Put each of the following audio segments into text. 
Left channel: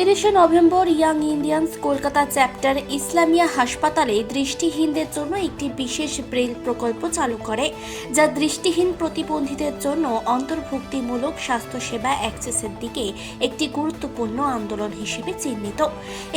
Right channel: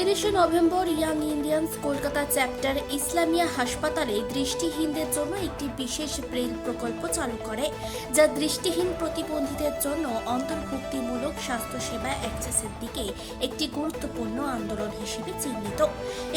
29 November young Indians Kolkata chapter Islamia হাসপাতালে দৃষ্টিহীনদের জন্য একটি বিশেষ ব্রেইল প্রকল্প চালু করে, যা দৃষ্টিহীন প্রতিবন্ধীদের জন্য অন্তর্ভুক্তিমূলক স্বাস্থ্যসেবা অ্যাক্সেসের দিকে একটি গুরুত্বপূর্ণ আন্দোলন হিসেবে চিহ্নিত।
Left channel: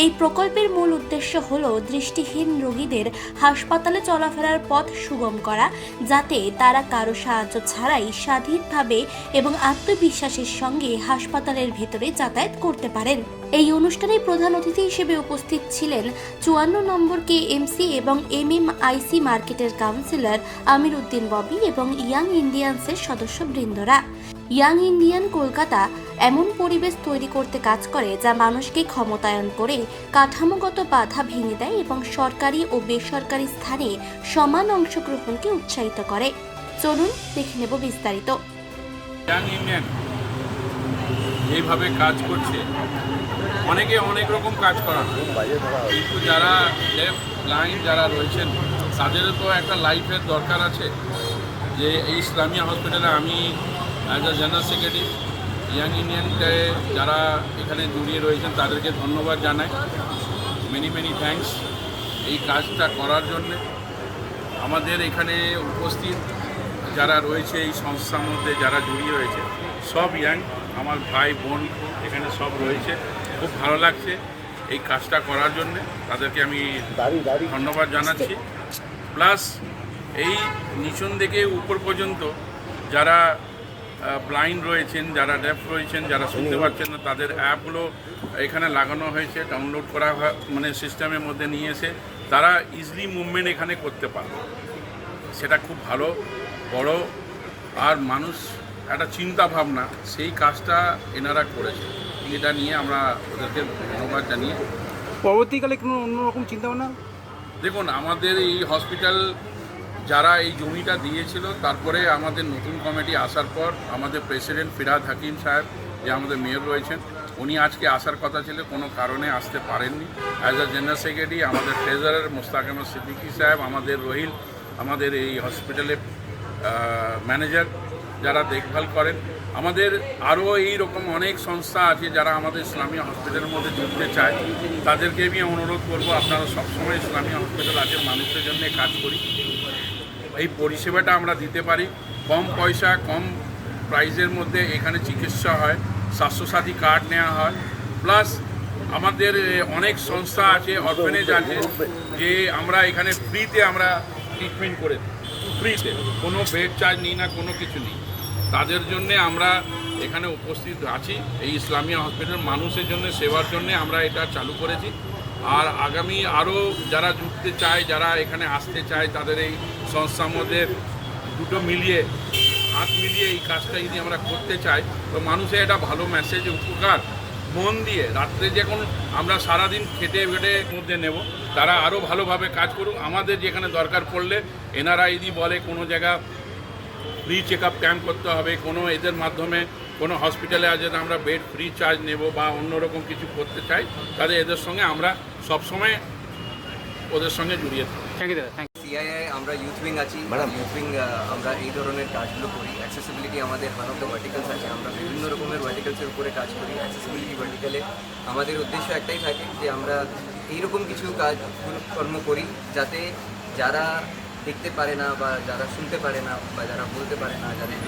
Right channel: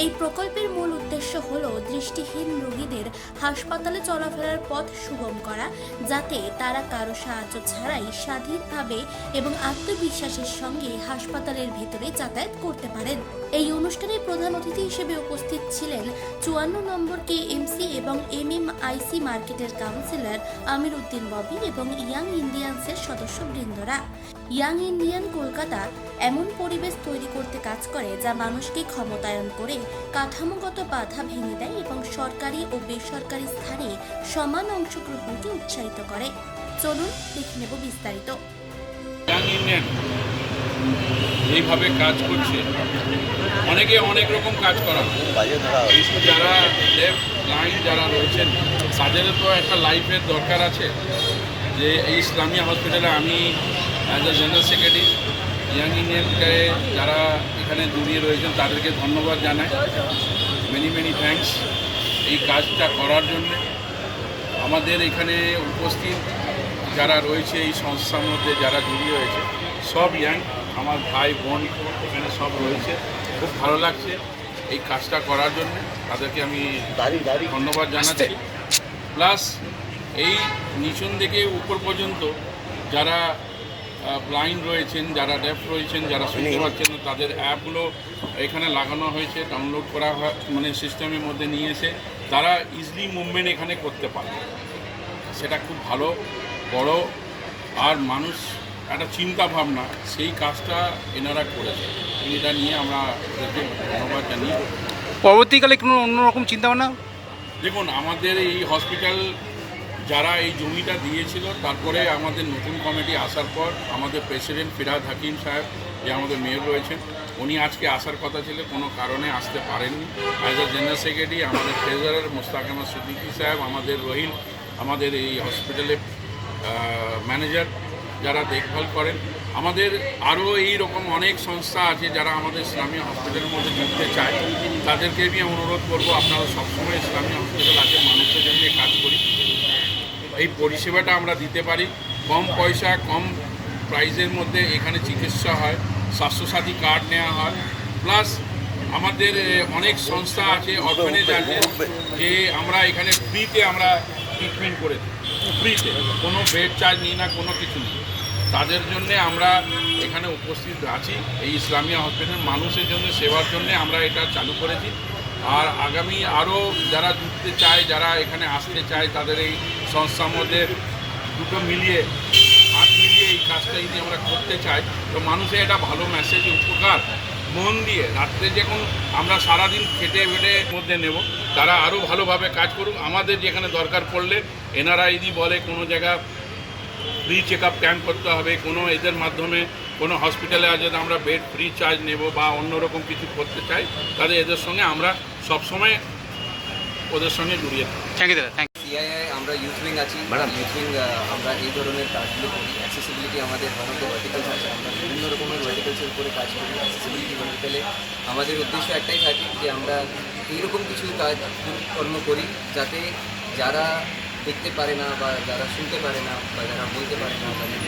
এই প্রকল্পের মূল উদ্দেশ্য হল দৃষ্টিহীন রোগীদের হাসপাতালে চলাফেরার পথ সুগম করা, যাতে তারা কারো সাহায্য ছাড়াই স্বাধীনভাবে এবং আত্মবিশ্বাসের সঙ্গে হাসপাতালের ভেতরে যাতায়াত করতে পারেন। এই অনুষ্ঠানে প্রধান অতিথি হিসেবে উপস্থিত ছিলেন 54 নম্বর KMC এবং MMIC মার্কেটের কাউন্সিলর আমির উদ্দিন ববি এবং ইয়াং ইন্ডিয়ান্সের সদস্যবৃন্দরা। ইয়াং ইন্ডিয়ান কলকাতা এমন পরিবেশ তৈরি করতে কাজ করে যা মানুষকে ক্ষমতায়ন করে কাঠামোগত বাধা ভেঙে দেয় এবং সরকারি ও বেসরকারি স্থানে সমান অংশগ্রহণকে উৎসাহিত করে। চলুন দেখে নেব বিস্তারিত। ইয়াং ইন্ডিয়ান এইভাবে কাজ করছে, অনেকে অনেক রকম কাজ করা হয়, কিন্তু যারা লেফট ব্লাইন্ড যারা রয়েছেন তাদেরও তো একটা লাইফের দরকার আছে। যে এই ইসলামিয়া হসপিটালে আমি as a general secretary Young ইন্ডিয়ানকে যারা এখানে জড়িয়ে রয়েছেন তাদেরকে ধন্যবাদ জানাই, মেনি থ্যাঙ্কস এই কাজটা করার জন্য। আমাদের এখানে উপস্থিত যারা রয়েছে এই সংস্থার মধ্যে যারা জড়িয়ে হয়েছে সব ইয়াং, আমার ভাই বোন এখানে সব রয়েছে। খুব ভালো লাগছে এই কাজটা করার জন্য, তাদেরকে আমি ধন্যবাদ জানাচ্ছি। প্লাস এই নিচন থেকে উপর পর্যন্ত যারা ব্লাইন্ড রয়েছেন, যারা ডেফ রয়েছেন, যারা শুনতে পাচ্ছেন না, তাদের অ্যাপগুলো এখানে লাগানো হয়েছে, ডাউনলোড করা মানে সিস্টেমের মধ্যে নিয়ে এসে তারা ইজিলি মুভমেন্ট এখানে করতে পারে। সেটা খুব ভালো বড় আর মানুষ একটা চিন্তা ভাবনা, সেই কাজটা এনারা করেছে। এটা নিয়ে আমরা ওদেরকে ধন্যবাদ জানিয়ে পরবর্তীকালে কোনো অন্যরকম চিন্তাভাবনা। দেখুন, আমাদের এই হসপিটাল যারা এই জমিটা দিয়েছিল, তারপরে আমাদের নতুন কমিটি আসার পর আমাদের প্রেসিডেন্ট ফিরহাদ হাকিম সাহেব, যে আমাদের মেয়র রয়েছেন, উনি আজকে আসার কথা ছিল, কোনো কারণে আসতে পারেননি। অ্যাজ আ জেনারেল সেক্রেটারি আমাদের ট্রেজারার মোস্তাক আহমদ সিদ্দিকী সাহেব, আমাদের রহিল, আমাদের এই হসপিটালের ম্যানেজার যারা দেখভাল করেন, আমাদের আরও এই রকম অনেক সংস্থা আছে যারা আমাদের ইসলামিয়া হসপিটালের মধ্যে জুড়তে চায়। তাদেরকে আমি অনুরোধ করব, আপনারা সবসময় ইসলামিয়া হসপিটাল আছে, মানুষের জন্য কাজ করি, এই পরিষেবাটা আমরা দিতে পারি। কম পয়সা কম প্রাইসের মধ্যে এখানে চিকিৎসা হয়, স্বাস্থ্যসাথী কার্ড নেওয়া হয়। প্লাস আমাদের অনেক সংস্থা আছে, অরফেনেজ আছে, যে আমরা এখানে ফ্রিতে আমরা ট্রিটমেন্ট করে দিই, ফ্রিতে, কোনো বেড চার্জ নিই না, কোনো কিছু নেই। তাদের জন্যে আমরা এখানে উপস্থিত আছি। এই ইসলামিয়া হসপিটাল মানুষের জন্য সেবার জন্য আমরা এটা চালু করেছি। আর আগামী আরও যারা জুড়তে চায়, যারা এখানে আসতে চায়, তাদের এই সংস্থার মধ্যে দুটো মিলিয়ে হাত মিলিয়ে এই কাজটা যদি আমরা করতে চাই, তো মানুষের এটা ভালো মেসেজ, উপকার মন দিয়ে। রাত্রে যখন আমরা সারাদিন খেটে মধ্যে নেব, তারা আরও ভালোভাবে কাজ করুক। আমাদের যেখানে দরকার পড়লে এনারা যদি বলে কোনো জায়গা ফ্রি চেক আপ ক্যাম্প করতে হবে, কোনো এদের মাধ্যমে কোনো হসপিটালে আছে আমরা বেড ফ্রি চার্জ নেব বা অন্যরকম কিছু করতে চাই, তাহলে এদের সঙ্গে আমরা সবসময় ওদের সঙ্গে জড়িয়ে থাকি। থ্যাংক ইউ দাদা। সিআইআই আমরা ইউথ উইং আছি, ইউথ উইং আমরা এই ধরনের কাজগুলো করি। অ্যাক্সেসিবিলিটি আমাদের ওয়ান অফ দ্য ভার্টিক্যালস আছে, আমরা বিভিন্ন রকমের ভার্টিক্যালসের উপরে কাজ করি। অ্যাক্সেসিবিলিটি ভার্টিক্যালে আমাদের উদ্দেশ্য একটাই থাকে যে আমরা এইরকম কিছু কর্ম করি যাতে যারা দেখতে পারে না বা যারা শুনতে পারে না বা যারা বলতে পারে না, যাদের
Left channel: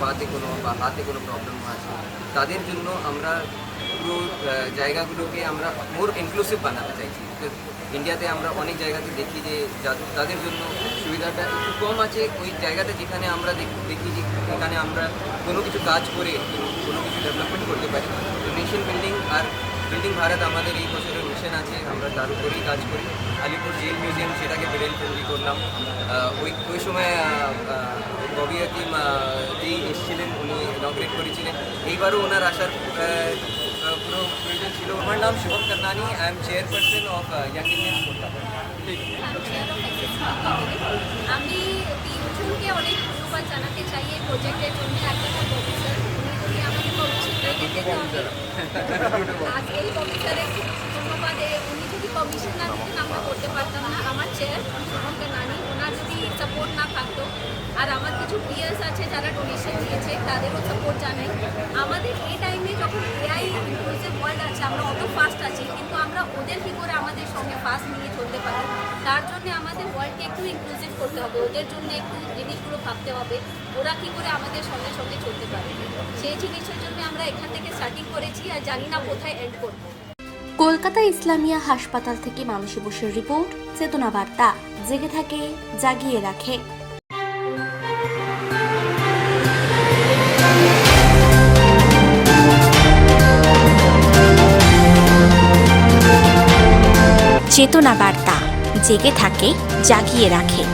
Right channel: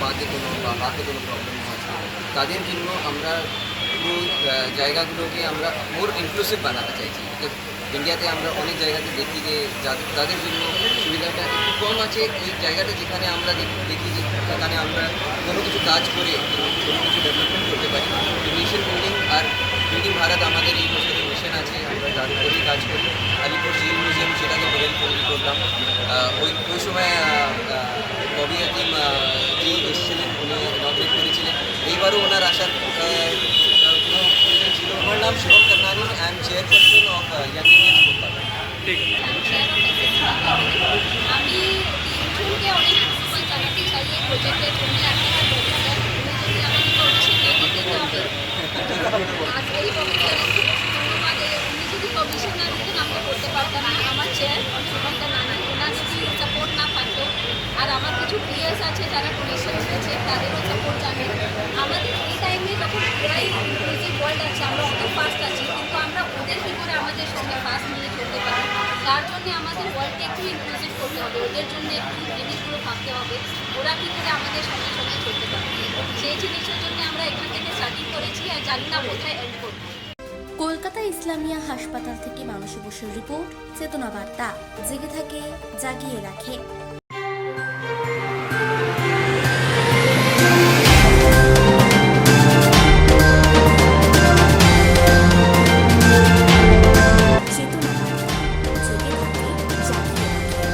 পাতে কোনো বা হাতে কোনো প্রবলেম আছে, তাদের জন্য আমরা পুরো জায়গাগুলোকে আমরা মোর ইনক্লুসিভ বানাতে চাইছি। ইন্ডিয়াতে আমরা অনেক জায়গাতে দেখি যে তাদের জন্য সুবিধাটা একটু কম আছে, ওই জায়গাটা যেখানে আমরা দেখি যে এখানে আমরা কোনো কিছু কাজ করে কোনো কিছু ডেভেলপমেন্ট করতে পারি। তো নেশন বিল্ডিং ভারত আমাদের এই বছরের মিশন আছে, আমরা তার উপরেই কাজ করি। আলিপুর জেল মিউজিয়াম, সেটাকে ব্রেইল তৈরি করলাম। ওই সময় ববি হাকিম জি এসেছিলেন, উনি ইনগ্রেট করেছিলেন। এইবারও ওনার আসার পুরো প্রয়োজন ছিল। আমার নাম Shivam Kannani, I am chairperson of Young Indians Kolkata. ঠিক আমি তিনজনকে অনেক ধন্যবাদ জানাতে চাই এই প্রজেক্টের জন্য। একটা ববি স্যার, উনি যদি আমাকে পারমিশন দিয়ে দিতেন, আমি আজকে এই ববি স্যারের খুব ধন্যবাদ। উনি যদি পারমিশন না দিতেন আমরা করতে পারতাম না। আমার চেয়ার শিবম কান্নানি, ওনার যদি সাপোর্ট সাপোর্ট না থাকতো, আর আমার কিছু পিয়ার্স আছে যারা ডোনেশন দিয়েছে তাদেরও সাপোর্ট জানে। আমাদের এই টাইমে যখন এআই ইনক্লুসিভ ওয়ার্ল্ড আছে, আমরা অত ফাস্ট আছি, কিন্তু আমরা ওদের কী করে আমাদের সঙ্গে ফাস্ট নিয়ে চলতে পারি, তার জন্য আমাদের ওয়ার্ল্ডকে একটু ইনক্লুসিভ করতে হবে, ওদের জন্য একটু জিনিসগুলো ভাবতে হবে, ওরা কী করে আমাদের সঙ্গে সঙ্গে চলতে পারে। সেই জিনিসের জন্য আমরা এখান থেকে স্টার্টিং করেছি, আর জানি না কোথায় এন্ড করবো। কলকাতা ইসলামিয়া হাসপাতাল থেকে মানসী বসুর রিপোর্ট, চেতনা বার্তা, জেগে থাকে, জাগিয়ে রাখে। চেতনা বার্তা, জেগে থাকে, জাগিয়ে রাখে।